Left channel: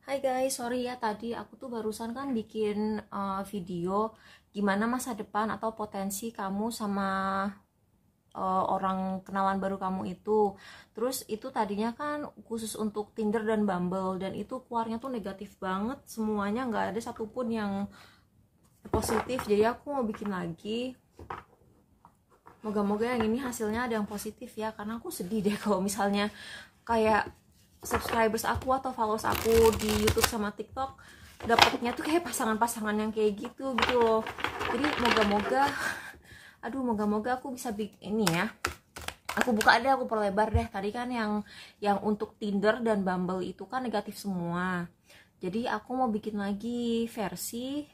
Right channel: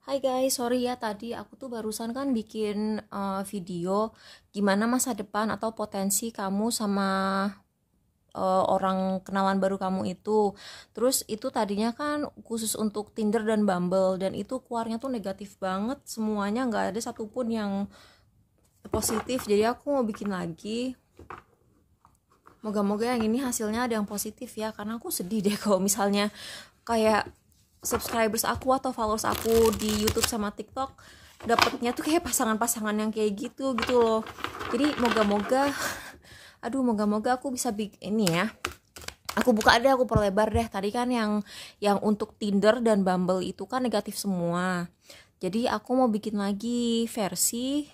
Hai guys, sorry ya tadi aku tuh barusan kan bikin video gimana masa depan atau potensi kamu sama orang kenalan baru kamu itu. Terus itu tadinya kan khusus untuk Tinder dan Bumble dan itu keluarnya tuh negatif banget semuanya, nggak ada satupun yang positif. Jadi aku mau bikin lagi. Moga-moga yang ini hasilnya ada yang positif ya, karena aku sedih deh kalau misalnya kayak subscribers aku atau followers aku di YouTube sama TikTok dapatnya tuh kayak pasangan-pasangan yang kayak gitu gitu loh. Jadi moga-moga, aduh moga-moga aku bisa bikin ini ya. Aku buka deh, aku perlebar deh. Tadi kan yang untuk Tinder dan Bumble itu kan negatif semua. Jadi aku mau bikin lagi versi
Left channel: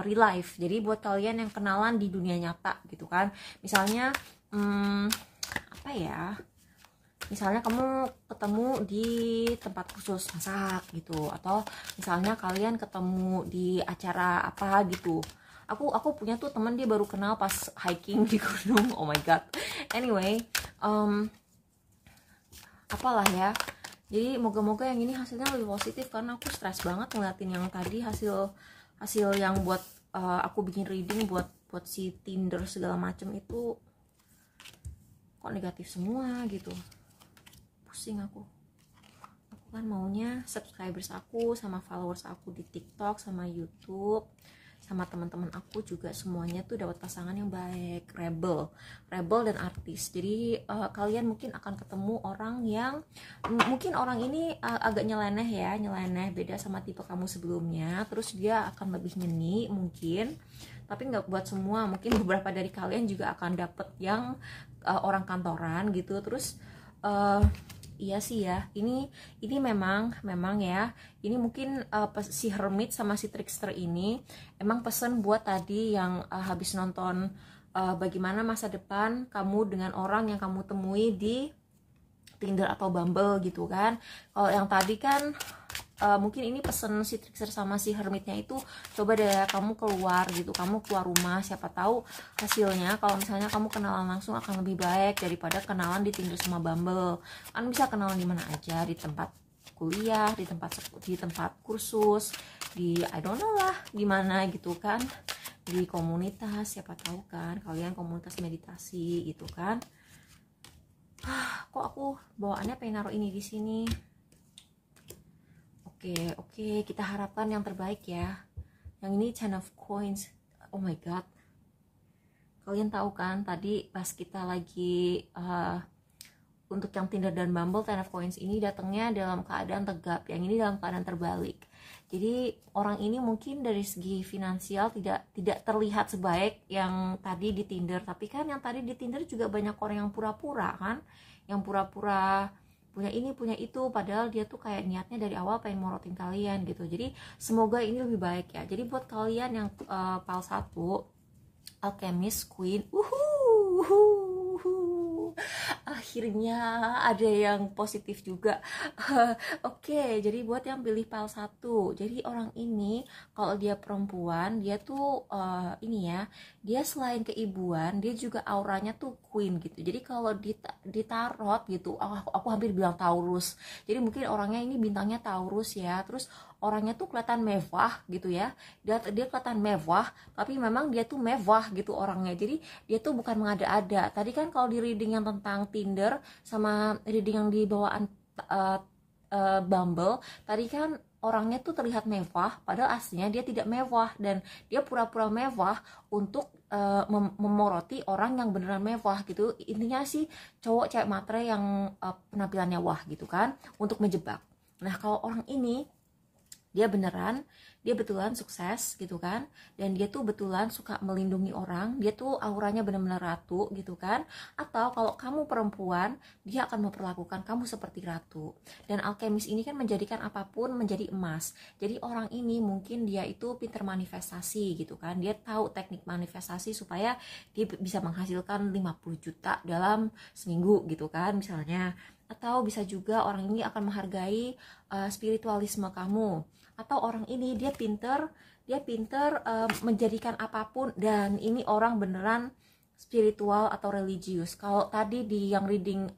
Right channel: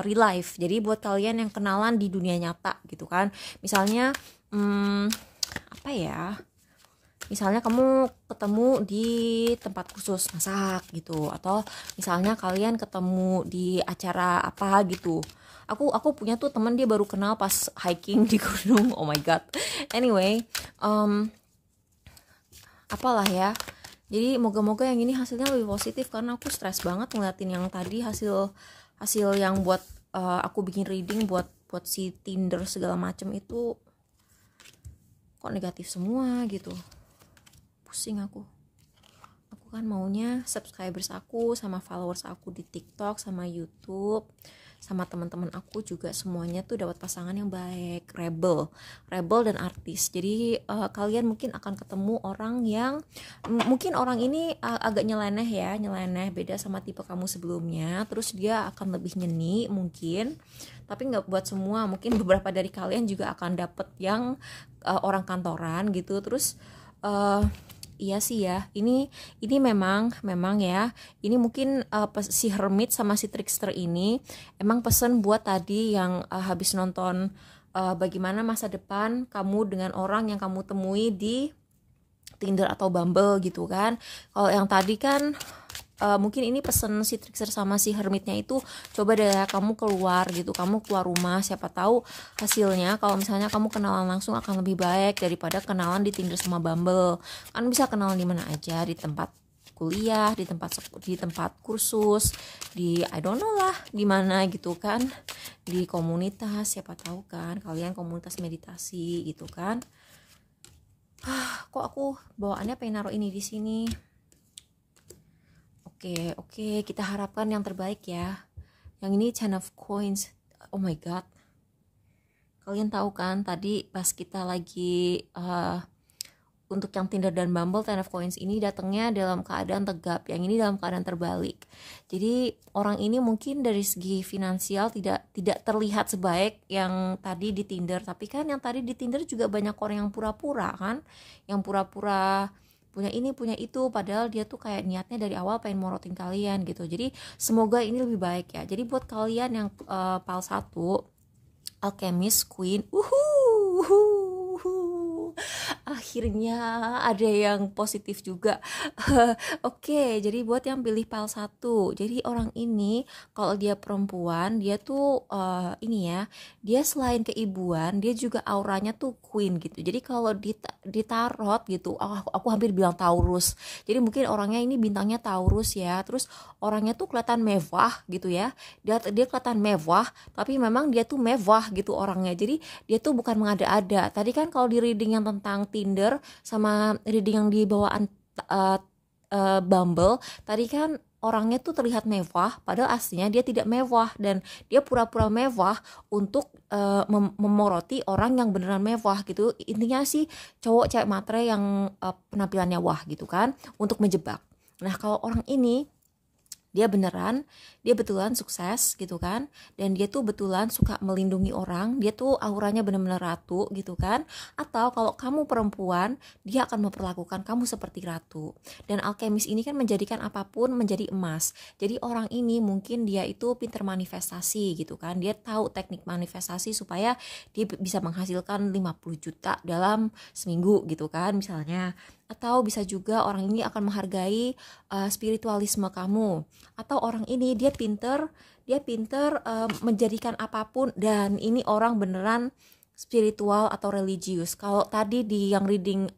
real life. Jadi buat kalian yang kenalan di dunia nyata gitu kan. Misalnya apa ya? Misalnya kamu ketemu di tempat khusus masak gitu, atau misalnya kalian ketemu di acara apa gitu. Aku punya tuh teman, dia baru kenal pas hiking di gunung. Oh my god. Anyway, apalah ya. Jadi moga-moga yang ini hasilnya lebih positif, karena aku stres banget ngeliatin yang tadi hasil hasil yang buat aku bikin reading buat si Tinder segala macem itu kok negatif semua gitu. Pusing aku kan maunya subscribers aku sama followers aku di TikTok sama YouTube sama teman-teman aku juga semuanya tuh dapat pasangan yang baik, rebel dan artis. Jadi kalian mungkin akan ketemu orang yang mungkin orang ini agak nyeleneh beda sama tipe kamu sebelumnya. Terus dia akan lebih nyeni mungkin, tapi nggak buat semua, mungkin beberapa dari kalian juga akan dapet yang orang kantoran gitu. Terus iya sih ya, ini memang ya, ini mungkin si Hermit sama si Trickster ini emang pesen buat tadi yang habis nonton bagaimana masa depan kamu dengan orang yang kamu temui di Tinder atau Bumble gitu kan. Kalau yang tadi kan mungkin ini pesen si Trickster sama si Hermitnya itu, coba deh kamu keluar gitu, kamu keluar rumah, siapa tahu hasilnya kalau misalnya kamu kenalan langsung akan lebih baik daripada kenalan di Tinder sama Bumble. Kan bisa kenalan di mana aja, di tempat kuliah, di tempat kursus, di I don't know lah gimana gitu kan, di komunitas, siapa tahu kan kalian komunitas meditasi gitu kan. Kok aku bawaannya pengen naruh ini di sini. Oke, kita harapkan yang terbaik ya. Yang ini Ten of Coins. Oh my god. Kalian tahu kan tadi pas kita lagi untuk yang Tinder dan Bumble, Ten of Coins ini datangnya dalam keadaan tegap, yang ini dalam keadaan terbalik. Jadi orang ini mungkin dari segi finansial tidak terlihat sebaik yang tadi di Tinder, tapi kan yang tadi di Tinder juga banyak orang yang pura-pura kan, yang pura-pura punya ini punya itu, padahal dia tuh kayak niatnya dari awal pengen morotin kalian gitu. Jadi semoga ini lebih baik ya. Jadi buat kalian yang PAL 1 Alchemist Queen, akhirnya ada yang positif juga. Oke, jadi buat yang pilih PAL 1, jadi orang ini kalau dia perempuan, dia tuh ini ya, dia selain keibuan, dia juga auranya tuh queen gitu. Jadi kalau ditarot gitu, aku hampir bilang Taurus. Jadi mungkin orangnya ini bintangnya Taurus ya. Terus orangnya tuh kelihatan mewah gitu ya. Dia kelihatan mewah, tapi memang dia tuh mewah gitu orangnya. Jadi dia tuh bukan mengada-ada. Tadi kan kalau di reading yang tentang Tinder sama reading yang di bawaan Bumble, tadi kan orangnya tuh terlihat mewah, padahal aslinya dia tidak mewah, dan dia pura-pura mewah untuk memoroti orang yang beneran mewah gitu. Intinya sih cowok cewek matre yang penampilannya wah gitu kan, untuk menjebak. Nah kalau orang ini dia betulan sukses gitu kan, dan dia tuh betulan suka melindungi orang, dia tuh auranya bener-bener ratu gitu kan. Atau kalau kamu perempuan, dia akan memperlakukan kamu seperti ratu. Dan alkemis ini kan menjadikan apapun menjadi emas. Jadi orang ini mungkin dia itu pinter manifestasi gitu kan, dia tahu teknik manifestasi supaya dia bisa menghasilkan 50 juta dalam seminggu gitu kan misalnya. Atau bisa juga orang ini akan menghargai spiritualisme kamu. Atau orang ini dia pinter menjadikan apapun, dan ini orang beneran spiritual atau religius. Kalau tadi di yang reading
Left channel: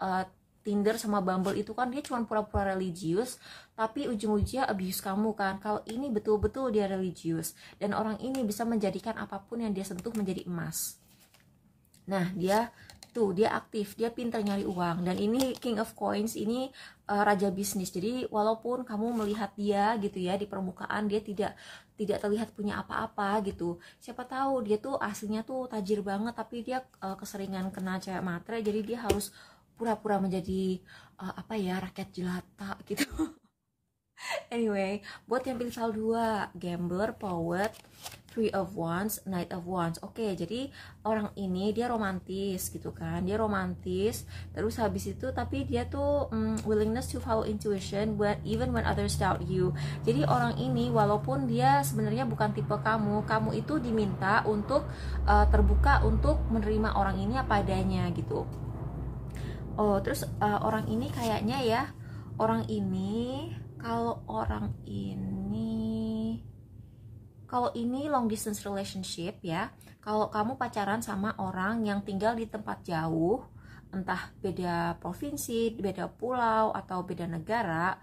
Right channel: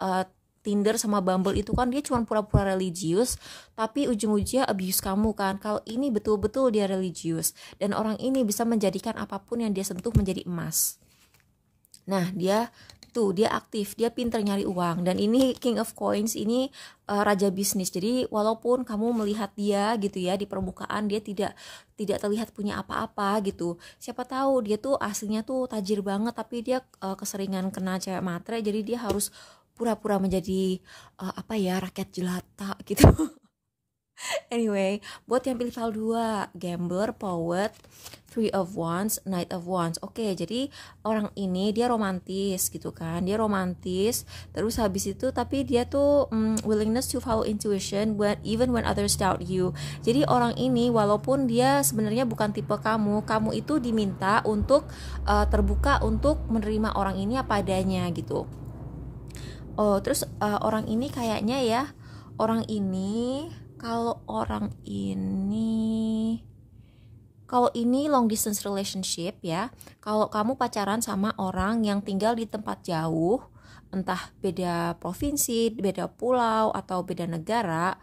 Tinder sama Bumble itu kan dia cuma pura-pura religius, tapi ujung-ujungnya abuse kamu kan. Kalau ini betul-betul dia religius, dan orang ini bisa menjadikan apapun yang dia sentuh menjadi emas. Nah, dia aktif, dia pinter nyari uang, dan ini King of Coins ini raja bisnis. Jadi walaupun kamu melihat dia gitu ya di permukaan, dia tidak terlihat punya apa-apa gitu, siapa tahu dia tuh aslinya tuh tajir banget, tapi dia keseringan kena cewek matre, jadi dia harus pura-pura menjadi rakyat jelata gitu. Anyway, buat yang pilih file 2, Gambler, Poet, Three of Wands, Knight of Wands. Oke, jadi orang ini dia romantis gitu kan. Dia romantis, terus habis itu tapi dia tuh willingness to follow intuition even when others doubt you. Jadi orang ini walaupun dia sebenarnya bukan tipe kamu itu diminta untuk terbuka untuk menerima orang ini apa adanya gitu. Oh, terus orang ini kayaknya ya, orang ini kalau ini long distance relationship ya, kalau kamu pacaran sama orang yang tinggal di tempat jauh, entah beda provinsi, beda pulau, atau beda negara,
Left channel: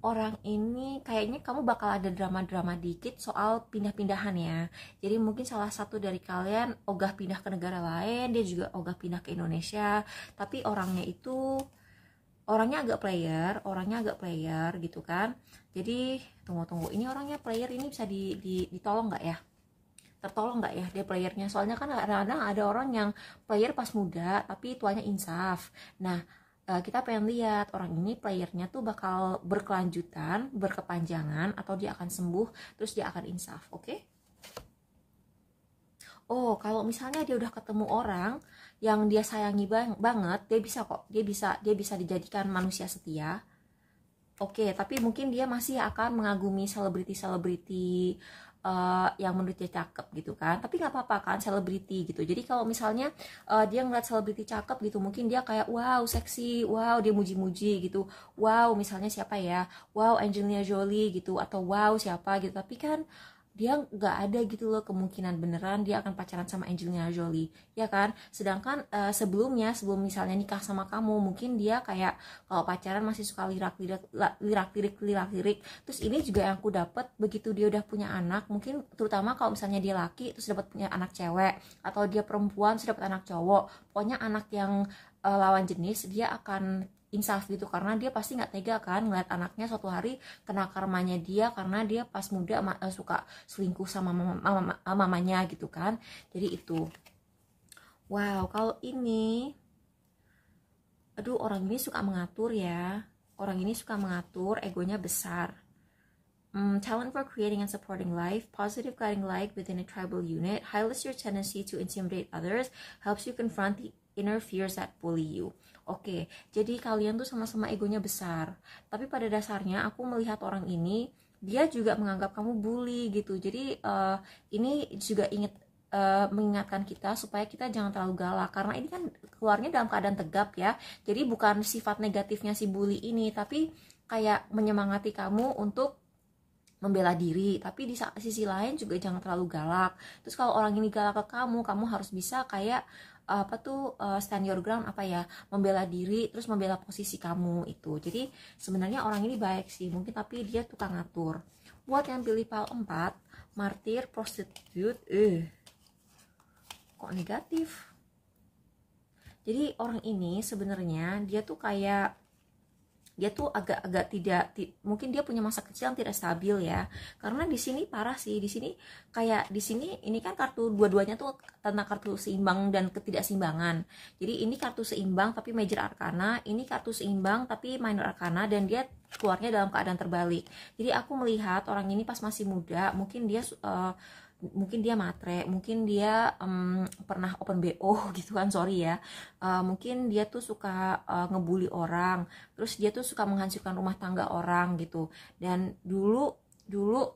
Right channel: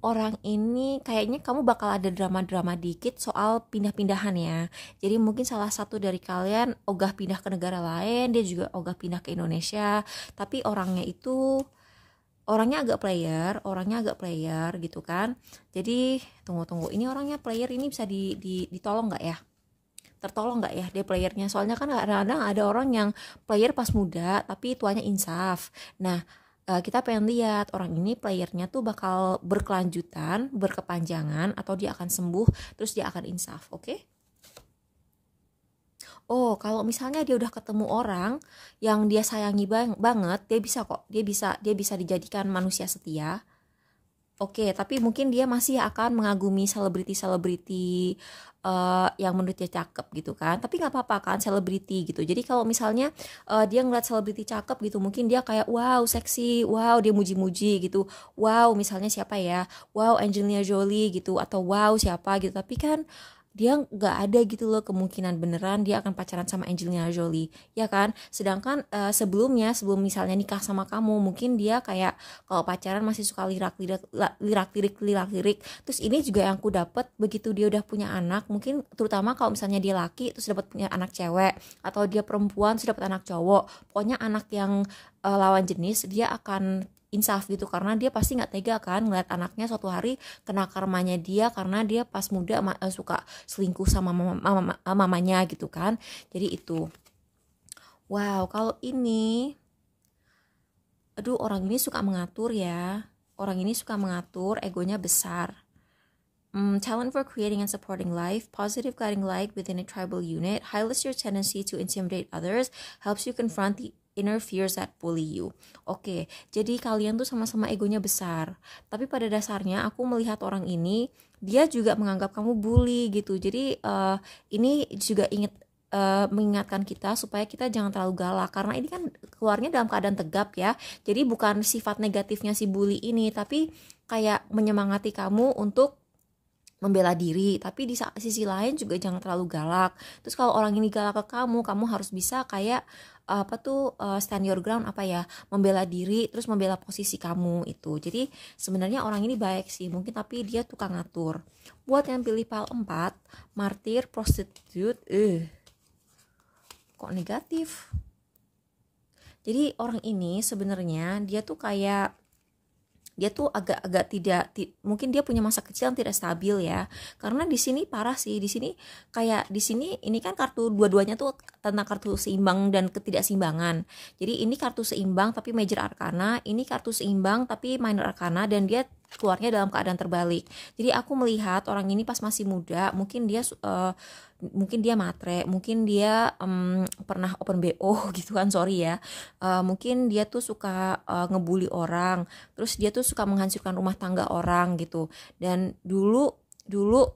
orang ini kayaknya kamu bakal ada drama-drama dikit soal pindah-pindahan ya. Jadi mungkin salah satu dari kalian ogah pindah ke negara lain, dia juga ogah pindah ke Indonesia, tapi orangnya agak player gitu kan. Jadi tunggu, ini orangnya player, ini bisa ditolong nggak ya? Tertolong nggak ya dia playernya? Soalnya kan kadang-kadang ada orang yang player pas muda tapi tuanya insaf. Nah, kita pengen lihat orang ini playernya tuh bakal berkelanjutan, berkepanjangan, atau dia akan sembuh terus dia akan insaf. Oke? Oh, kalau misalnya dia udah ketemu orang yang dia sayangi banget, dia bisa kok, dia bisa dijadikan manusia setia. Oke, tapi mungkin dia masih akan mengagumi selebriti-selebriti yang menurut dia cakep gitu kan. Tapi nggak apa-apa kan, selebriti gitu. Jadi kalau misalnya dia ngeliat selebriti cakep gitu, mungkin dia kayak wow seksi, wow dia muji-muji gitu, wow misalnya siapa ya, wow Angelina Jolie gitu, atau wow siapa gitu. Tapi kan dia nggak ada gitu loh kemungkinan beneran dia akan pacaran sama Angelina Jolie, ya kan? Sedangkan sebelum misalnya nikah sama kamu, mungkin dia kayak kalau pacaran masih suka lirak-lirik. Terus ini juga yang aku dapat, begitu dia udah punya anak, mungkin terutama kalau misalnya dia laki terus dapat punya anak cewek, atau dia perempuan terus dapat anak cowok, pokoknya anak yang lawan jenis, dia akan insaf gitu, karena dia pasti nggak tega kan ngeliat anaknya suatu hari kena karmanya dia karena dia pas muda suka selingkuh sama mamanya gitu kan. Jadi itu wow. Kalau ini orang ini suka mengatur ya, egonya besar. Talent for creating and supporting life, positive guiding light within a tribal unit, highlights your tendency to intimidate others, helps you confront the inner fears that bully you. Oke, jadi kalian tuh sama-sama egonya besar, tapi pada dasarnya aku melihat orang ini dia juga menganggap kamu bully gitu. Jadi ini juga mengingatkan kita supaya kita jangan terlalu galak, karena ini kan keluarnya dalam keadaan tegap ya. Jadi bukan sifat negatifnya si bully ini, tapi kayak menyemangati kamu untuk membela diri, tapi di sisi lain juga jangan terlalu galak. Terus kalau orang ini galak ke kamu harus bisa kayak stand your ground, membela diri, terus membela posisi kamu itu. Jadi sebenarnya orang ini baik sih mungkin, tapi dia tukang ngatur. Buat yang pilih file 4, martir, prostitute, kok negatif. Jadi orang ini sebenarnya dia tuh agak mungkin dia punya masa kecil yang tidak stabil ya, karena di sini parah sih. Di sini ini kan kartu dua-duanya tuh tentang kartu seimbang dan ketidakseimbangan. Jadi ini kartu seimbang tapi major arcana, ini kartu seimbang tapi minor arcana, dan dia keluarnya dalam keadaan terbalik. Jadi aku melihat orang ini pas masih muda, mungkin dia matre, mungkin dia pernah open BO gitu kan, sorry ya. Mungkin dia tuh suka ngebully orang, terus dia tuh suka menghancurkan rumah tangga orang gitu. Dan dulu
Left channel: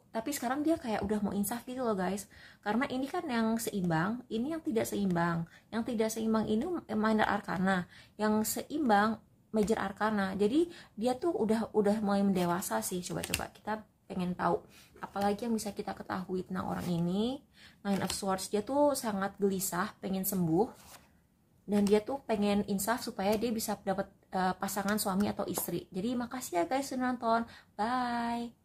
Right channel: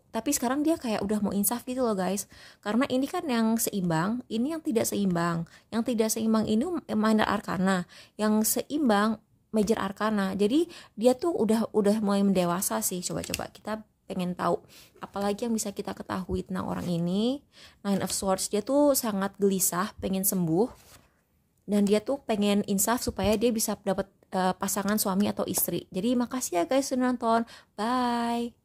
tapi sekarang dia kayak udah mau insaf gitu loh guys, karena ini kan yang seimbang, ini yang tidak seimbang. Yang tidak seimbang ini minor arcana, yang seimbang major arcana. Jadi dia tuh udah mulai mendewasa sih. Coba kita pengen tahu apalagi yang bisa kita ketahui tentang orang ini. Nine of Swords, dia tuh sangat gelisah pengen sembuh, dan dia tuh pengen insaf supaya dia bisa dapat pasangan suami atau istri. Jadi makasih ya guys sudah nonton, bye.